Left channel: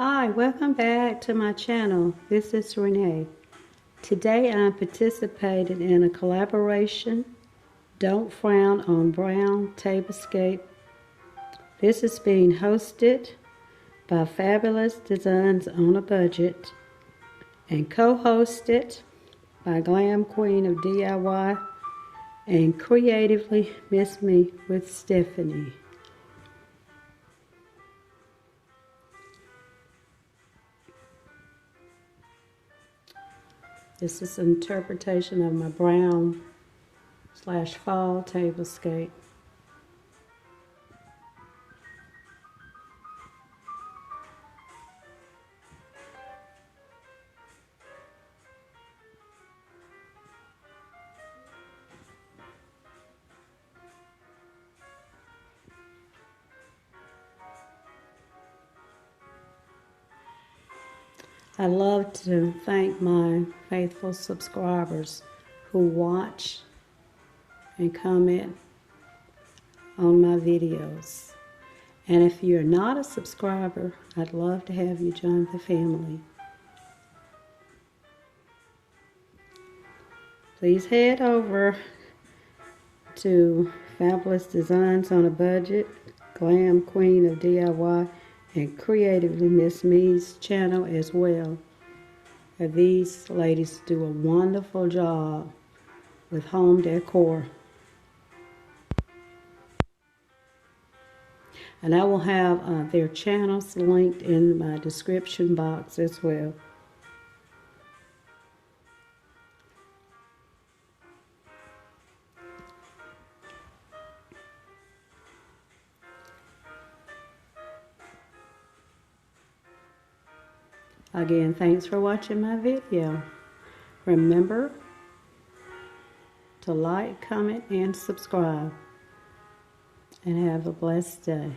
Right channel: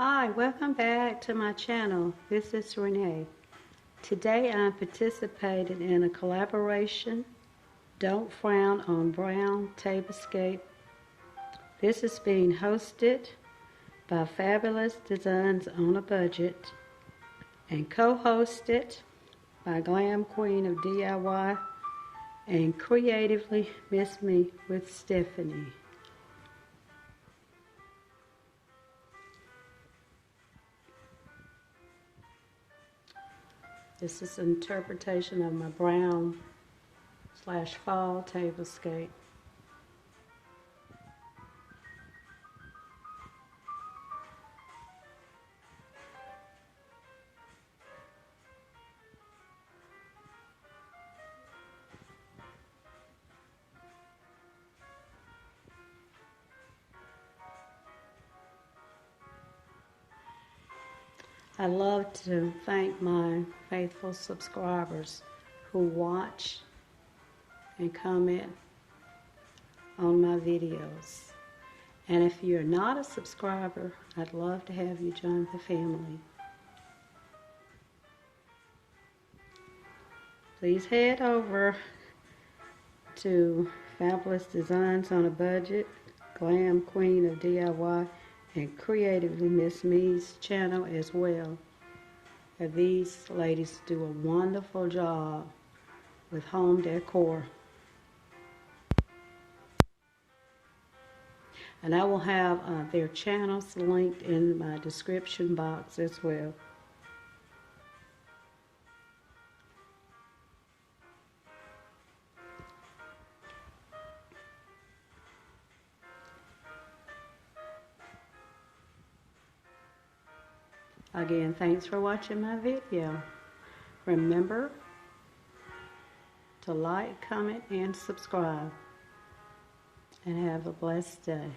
Hi, welcome back to my channel. This is Renee. Today I'm participating in a collaboration, Don't Frown on Brown Tablescape. This is being hosted by Fabulous Designs on a Budget and co-hosted by Glam Queen of DIY and Creatively MsMe with Stephanie. This is an interpretation of my brown / fall tablescape. I'd love to thank my faithful subscribers who watch and comment on my videos. And if you're not a subscriber, I'd love to have you join the family. Please head over to Fabulous Designs on a Budget, Glam Queen of DIY, and Creatively MsMe's channel as well. And these ladies do a wonderful job with home decor. And I will have their channels linked in my description box as well. Again, thanks for watching my video. Remember to like, comment, and subscribe. And have a blessed day.